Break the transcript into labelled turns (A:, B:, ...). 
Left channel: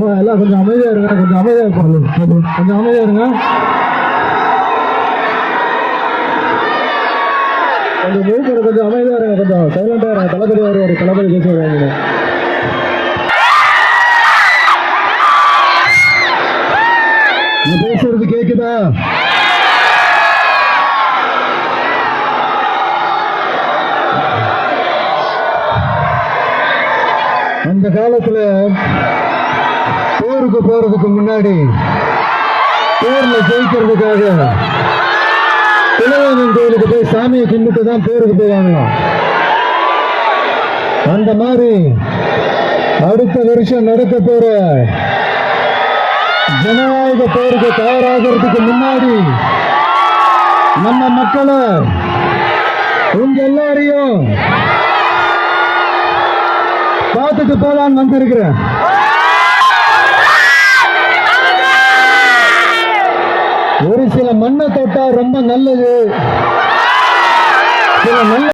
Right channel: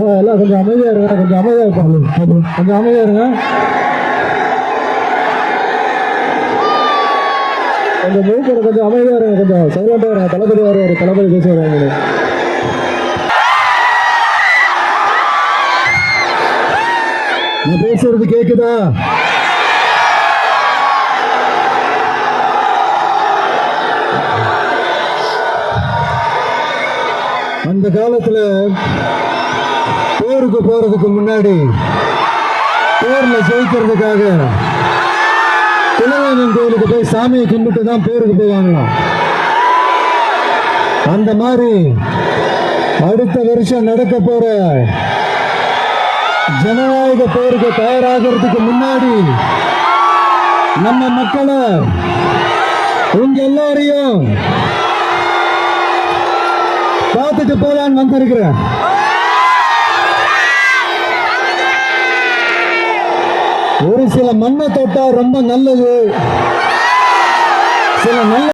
A: எல்லாம் கொஞ்சம் அமைதியாக இருங்க கொஞ்சம் அமைதியாக இருப்பாங்க கொஞ்சம் அமைதியாக இருங்க. கொஞ்சம் மூக்கு கொஞ்சம் அமைதியாக இருங்க கொஞ்சம் சைலண்டாக இருங்க. தளபதி வருவார் தளபதி பேசி வருவாங்க நான் பேசுறது கேக்குதா? அந்த காலத்துல போருக்கு போறதுக்கு முன்னாடி போர்ல ஜெயிக்கிறதுக்காக குலதெய்வம் கோயிலுக்கு போய் சாமியை கும்பிட்டு தான் டூருக்கு போய் வாங்கலாம் அந்த மாதிரி அடுத்த வருஷம் நடக்க போற ஜனநாயக போருக்கு தயாராகிறதுக்கு முன்னாடி நம்ம மக்களை உங்க எல்லாரையும் பார்த்துட்டு போலான்னு வந்திருக்கிறேன். ஒரு சில மண்ணை தொட்டா ரொம்ப நல்லது. சில நல்ல